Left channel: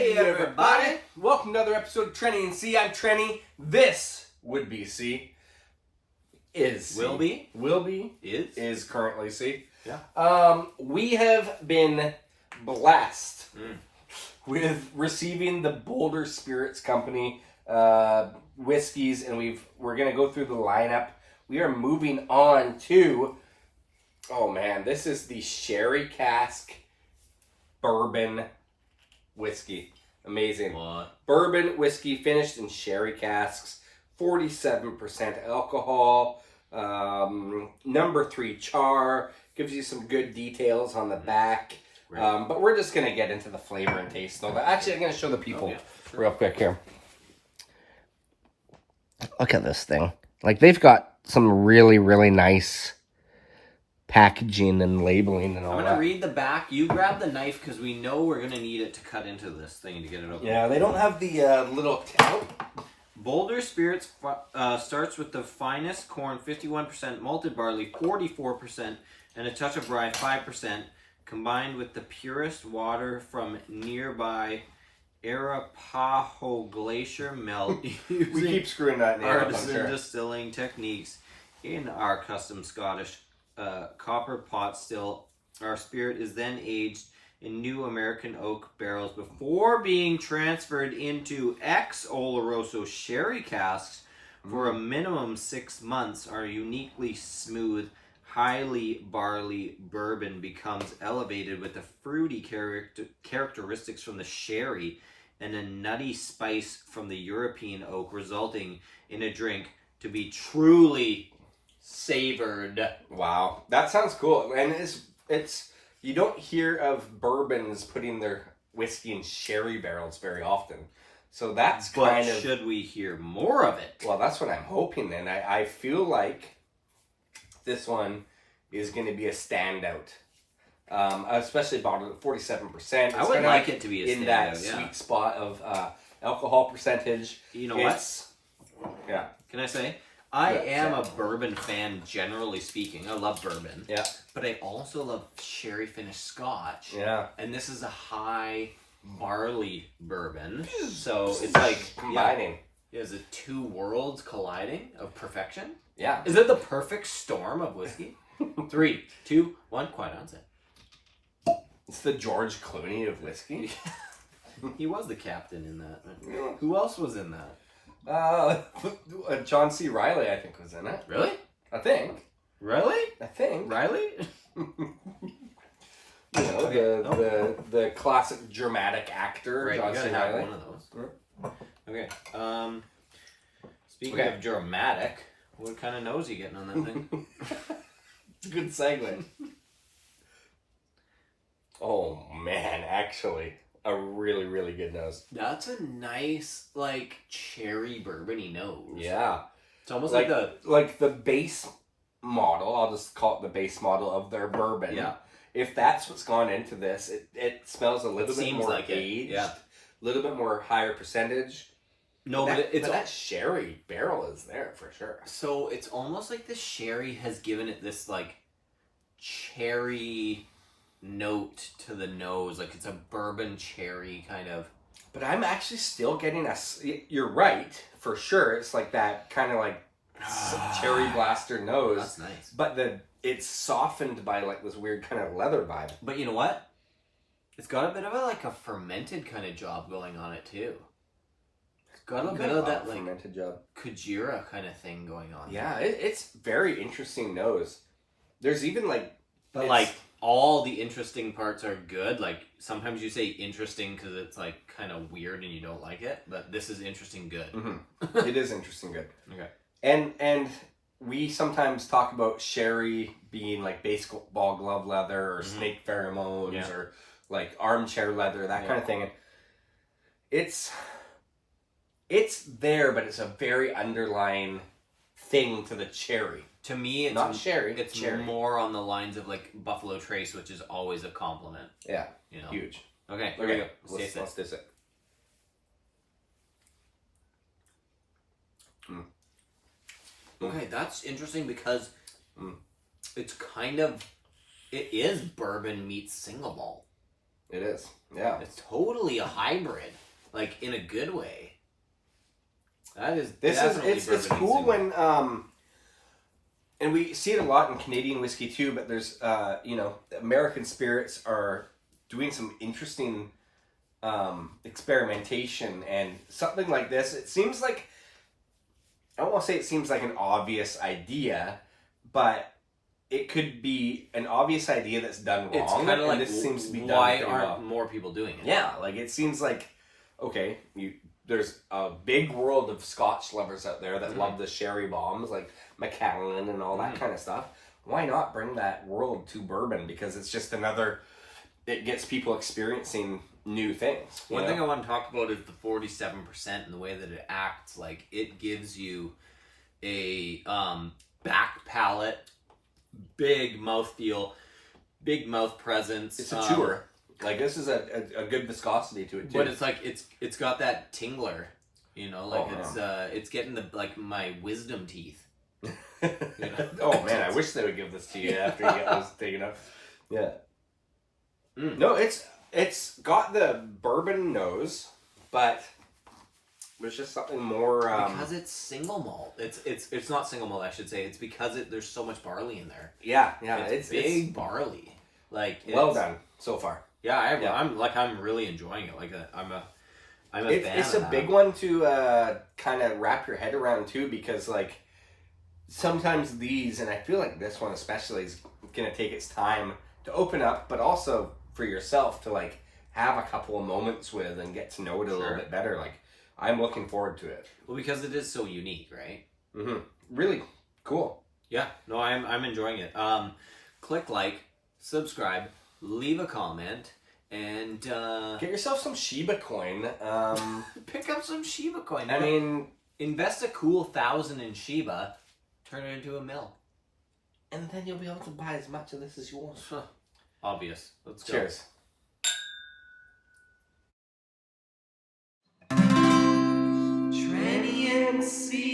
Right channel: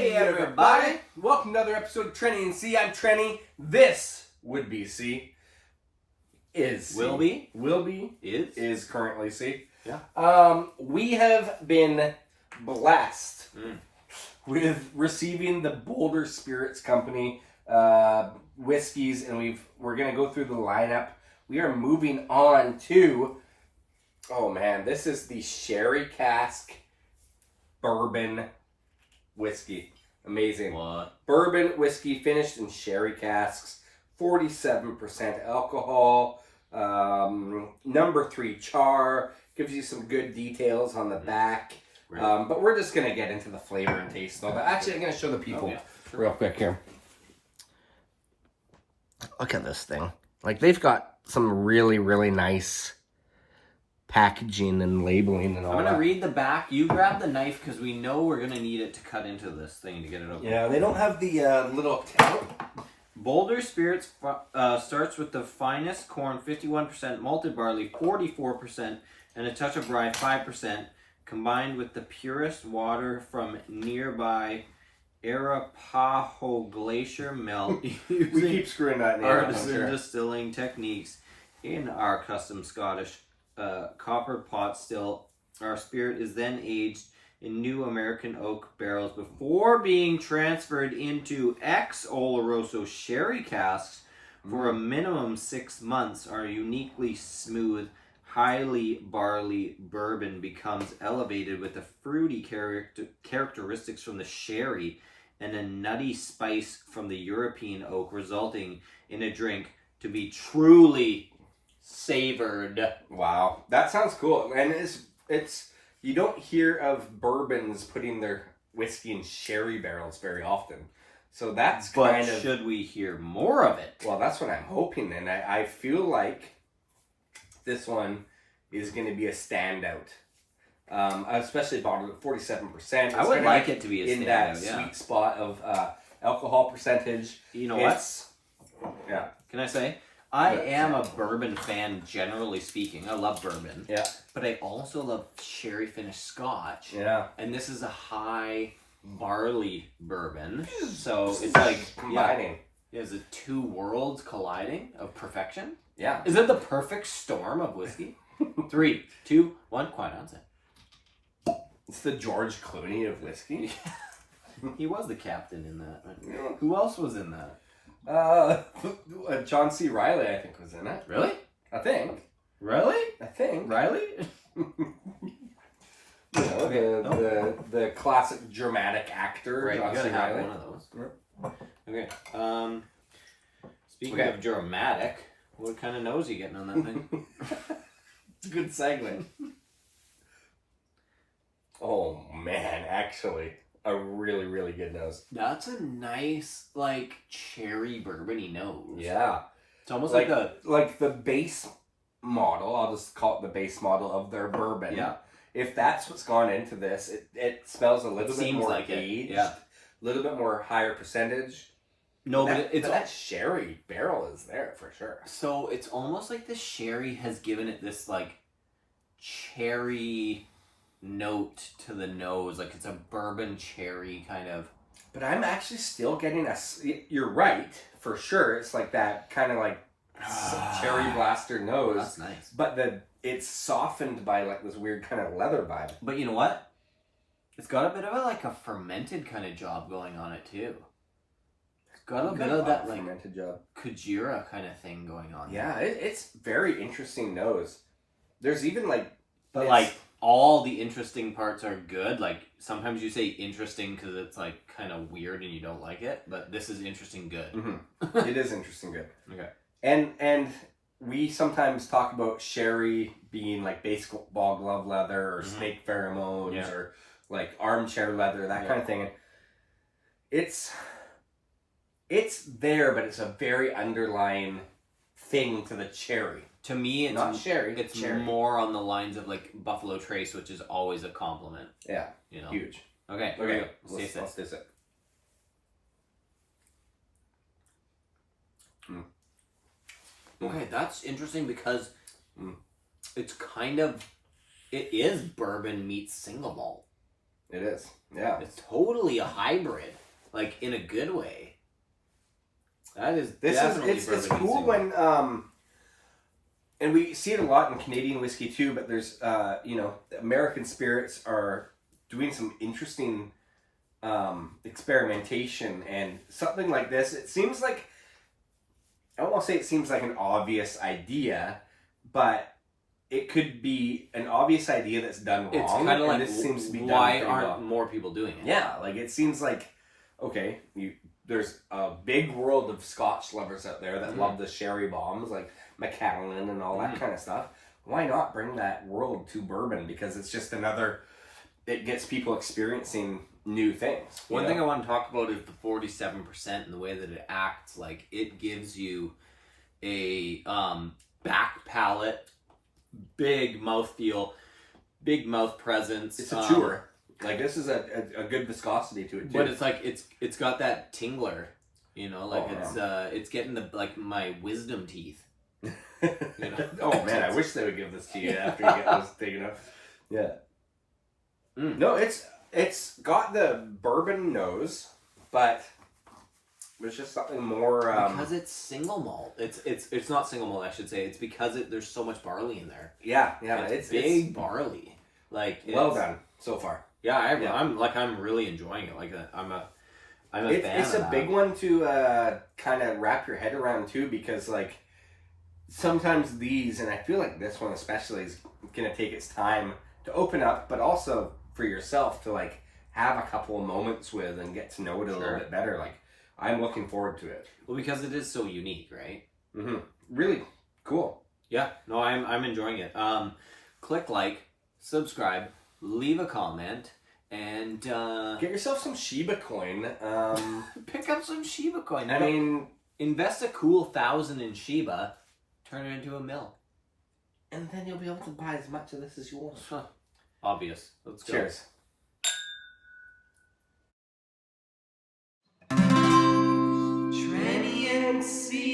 Hey everybody! Welcome to another episode of Trenny and C. I'm Trenny. This would be C. Is C. Will be. Is currently C. Yeah. We have been blessed with receiving the Boulder Spirits Company whiskeys, and we're gonna go through the lineup. We are moving on to, oh man, this is the Sherry Cask bourbon whiskey. Amazing. What? Bourbon whiskey finished in sherry casks, 47% alcohol, number 3 char, gives you some good details on the back. Right. But we're just going to get into the flavor and taste. Though. Actually, I'm going to show the people real quick here. Look at this thing. Like, they've got some really, really nice packaging and labeling and all that. I'm going to read the back. You grab the knife because we know we're going to need it to cut into this thing to get it open. Yeah, they don't have the little tail. Boulder Spirits starts with the finest corn, 51%, malted barley, 44%, and a touch of rye, 5%, combined with the purest water from nearby Arapaho Glacier melt We keep screwing that name up, I'm artisan sure. distilling techniques in our custom Scottish copper pot still. Our spirit is then aged in new American oak barrels before being transferred into ex-Oloroso sherry casks for a minimum 6 months. Our uniquely smooth, highly barley bourbon becomes elevated with the fruity characteristics from the sherry and a nutty spice from the European oak, resulting in a drink to be truly savored. Wow, that sounds cool. And it's you don't hear of bourbons putting their whiskey in sherry barrels very often. So that's kind of... should we hear more of it? Well, that's what I'm hoping, and I feel like this one is going to be a standout. Especially bottled at 47%. I would like it to be a standout, in that sweet spot of alcohol percentage. You know what? Yeah. Can I say? I am a bourbon fan, generally speaking. I love bourbon. Yeah. But I also love sherry finished scotch. Yeah. And this is a high barley bourbon. So it's like combining. Yeah, is it two worlds colliding of perfection? Yeah. Is it the perfect storm of whiskey? 3, 2, 1, quiet onset. It's the George Clooney of whiskey. He was the captain in that. Yeah. Who else was in that? John C. Reilly, I think, was in it. Really? I think. Really? I think. Riley? You know, the classic dramatic actor, Right, John you gotta C. have Reilly. one of those. Okay. Speaking of dramatic, what kind of nose are you getting on that thing? It's a good segment. Oh man, actually, a really, really good nose. That's a nice, like, cherry bourbony nose. Yeah. It's almost like the base model, I'll just call it the base model of their bourbon. Yeah. If that's what's gone into this, it smells a little bit more like aged. Yeah. A little bit more higher percentage. No, but it's that sherry barrel is there for sure. So it's almost like the sherry has given it this, like, cherry note to the nose. Like, it's a bourbon cherry kind of. But I'm actually still getting you're right, for sure. It's like that kind of like cherry blaster nose. That's nice. But it's softened by like this weird kind of leather vibe. But you know what? It's got a bit of a fermented kind of job going on it too. It's got a bit of that like fermented job. Kujira kind of thing going on. Yeah, it's very interesting nose. There's even but like all the interesting parts are good. Like sometimes you say interesting because it's like kind of weird and you don't like it, but this is interesting good. Mm-hmm. It is interesting good. Okay. And we sometimes talk about sherry being like baseball glove leather or snake pheromones or like armchair leather, that kind of thing. And it's there, but it's a very underlying thing to the cherry. To me, it's not sherry. It's cherry. more on the lines of like Buffalo Trace, which is always a compliment. Yeah, you know, huge. Okay, here we go. Let's taste it. Okay, that's interesting because it's kind of, it is bourbon meets single malt. It is. Yeah. It's totally a hybrid, like in a good way. That is It's cool when and we see it a lot in Canadian whiskey too, but there's American spirits are doing some interesting experimentation, and something like this, it seems like, I won't say it seems like an obvious idea, but it could be an obvious idea that's done wrong. It's kind of like, this seems to be why done aren't more people doing it? Yeah, like it seems like, okay, there's a big world of Scotch lovers out there that love the sherry bombs, like Macallan and all that kind of stuff. Why not bring that world to bourbon? Because it's just it gets people experiencing new things. One thing I want to talk about is the 47% and the way that it acts. Like, it gives you a back palate, big mouthfeel, big mouth presence. It's a chewer. Like, this is a good viscosity to it too. But it's like it's got that tingler, it's getting my wisdom teeth. Oh man, I wish they would give this to you after you get those taken out. Yeah. No, it's got the bourbon nose, but there's just something more because it's single malt. It's not single malt, I should say. It's because there's so much barley in there. Yeah, it's big barley. Like, well done so far. Yeah, I'm really enjoying it. Like, I'm a fan. It's a big one to kind of wrap your head around too, because like sometimes these, and I feel like this one especially, is gonna take its time to open up, but also for yourself to like have a couple of moments with and get to know it a little bit better. Like, I'm looking forward to it. Well, because it is so unique, right? Mm-hmm. Really cool. Yeah, no, I'm enjoying it. Click like, subscribe, leave a comment, and get yourself some Shiba coin. Pick up some Shiba coin. I mean, invest a cool 1,000 in Shiba, turn it into $1 million, and then you'll be able to buy as much of this as you want. Obvious. Let's go. Cheers. Tranny and C.